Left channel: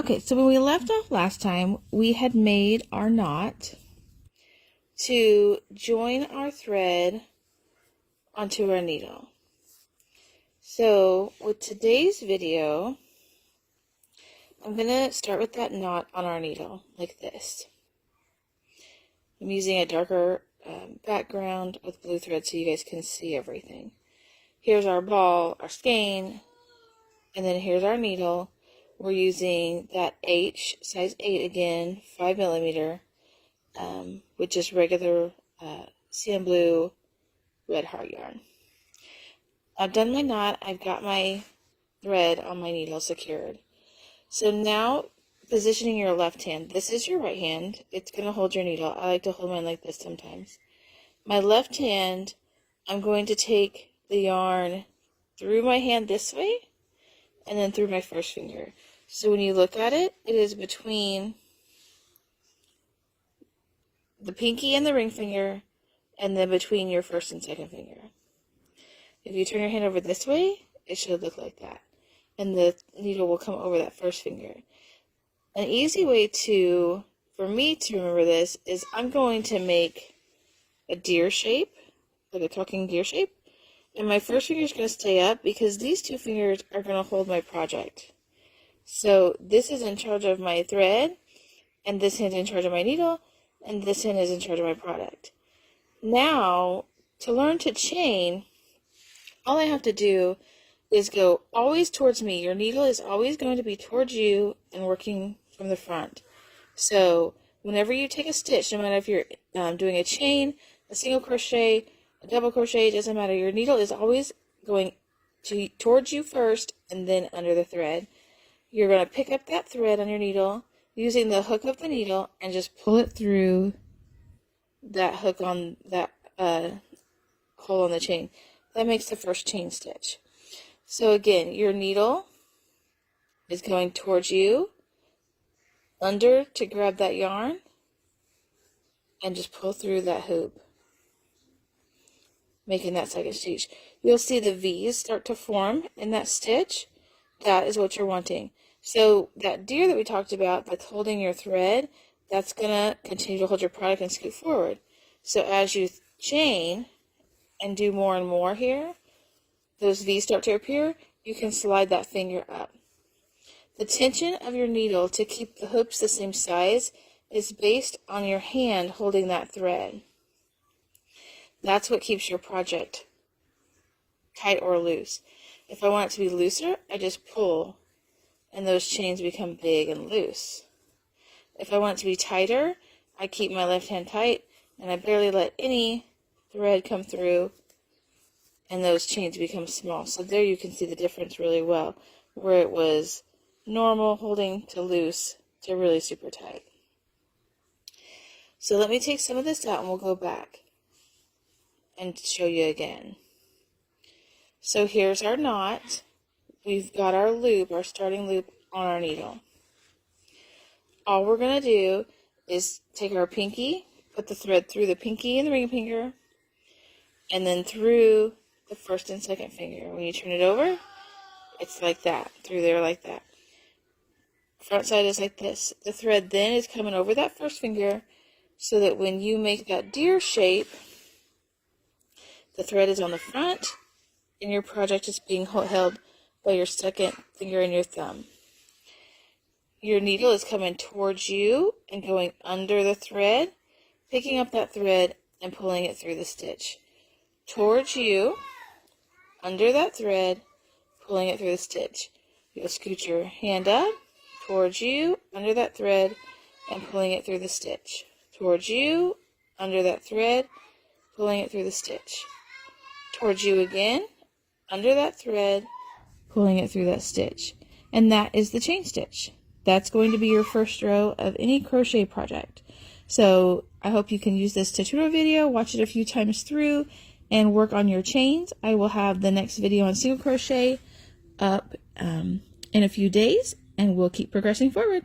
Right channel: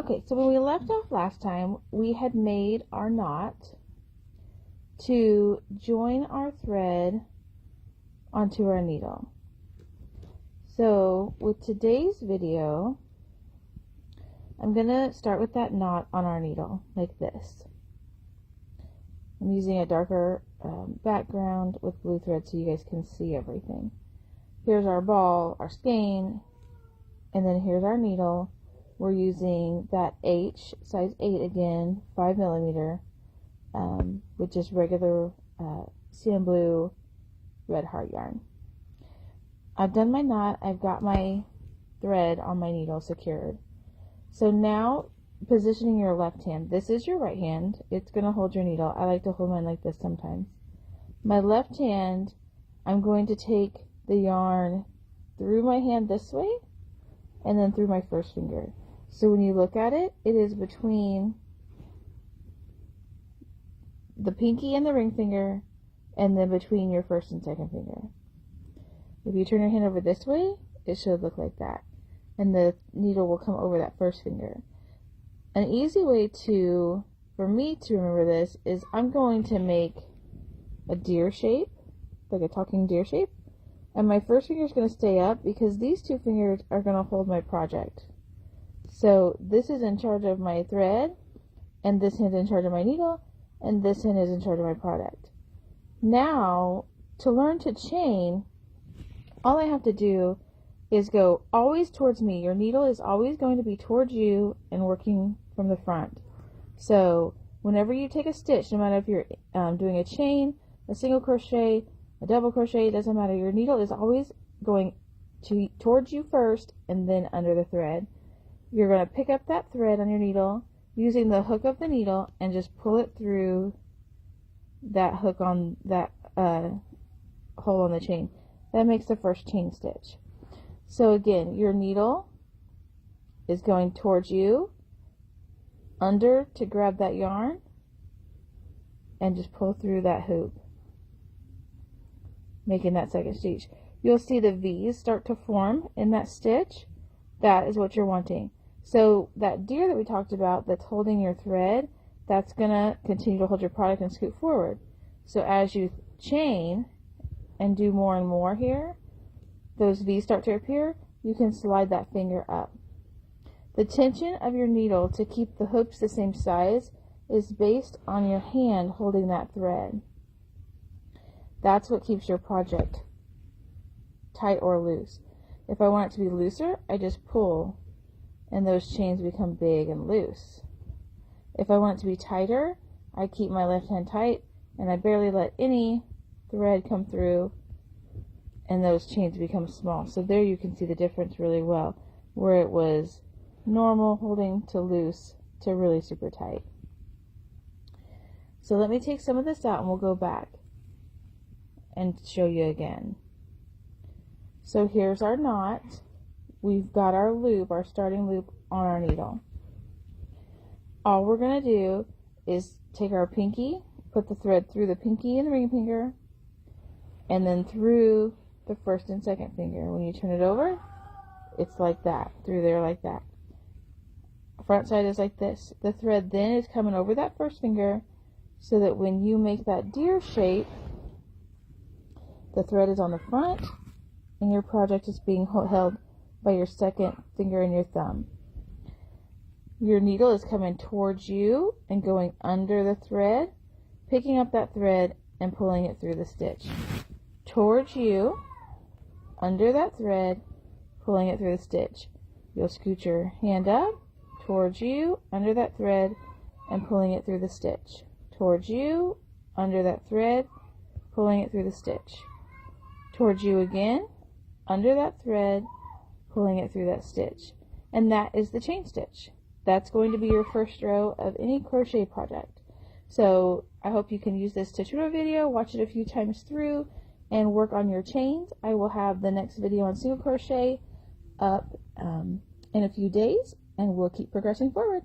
Okay, so when we left off last time, we had made our knot to join our thread onto our needle. So with today's video, I'm going to start with that knot on our needle like this. I'm using a darker background with blue thread so you guys can see everything. Here's our ball, our skein, and then here's our needle. We're using that H, size 8 again, 5mm, with just regular CN Blue red heart yarn. I've done my knot, I've got my thread on my needle secured. So now, positioning your left hand. This is your right hand. It's going to hold your needle. I like to hold mine like this sometimes. My left hand, I'm going to take the yarn through my hand this way and then through my first finger. So when you look at it, it is between the pinky and the ring finger and then between your first and second finger. If you turn your hand over this way, it should look like that. And the needle will come over that first finger. An easy way for me to remember this is I'm going to make a deer shape, like a talking deer shape. And my first finger is going to stay up because these two fingers are going to hold my project. So this is in charge of my thread, and this hand is in charge of my needle, and this hand is in charge of my product. Now, to learn to chain, all I have to do is go always towards me. Your needle is always going to be towards you and working from the front. So whenever you take a stitch, no matter if you're doing a chain, a single crochet, a double crochet, it doesn't matter. Your needle is always going towards you first and then under the thread. You're going to pick up that thread on your needle using the hook of the needle and just pull it through that hook on that hole on the chain. That makes the first chain stitch. So again, your needle is going towards you, under to grab that yarn, and just pull through that hoop, making that second stitch. You'll see the V's start to form in that stitch. That is what you're wanting. So that deer that we talked about that's holding your thread, that's going to continue to hold your product and scoot forward. So as you chain and do more and more here, those V's start to appear, you can slide that finger up. The tension of your needle to keep the hoops the same size is based on your hand holding that thread. That's what keeps your project tight or loose. If I want it to be looser, I just pull and those chains become big and loose. If I want it to be tighter, I keep my left hand tight and I barely let any thread come through and those chains become small. So there you can see the difference really well, where it was normal holding to loose to really super tight. So let me take some of this out and we'll go back and show you again. So here's our knot. We've got our loop, our starting loop on our needle. All we're going to do is take our pinky, put the thread through the pinky and the ring finger, and then through the first and second finger. When you turn it over, it's like that, through there like that. Front side is like this. The thread then is coming over that first finger so that when you make that deer shape, the thread is on the front and your project is being held by your second finger and your thumb. Your needle is coming towards you and going under the thread, picking up that thread and pulling it through the stitch. Towards you, under that thread, pulling it through the stitch. You'll scoot your hand up, towards you, under that thread, and pulling it through the stitch. Towards you, under that thread, pulling it through the stitch. Towards you again, under that thread, pulling it through that stitch. And that is the chain stitch. That's going to be your first row of any crochet project. So I hope you can use this tutorial video, watch it a few times through, and work on your chains. I will have the next video on single crochet up in a few days, and we'll keep progressing forward.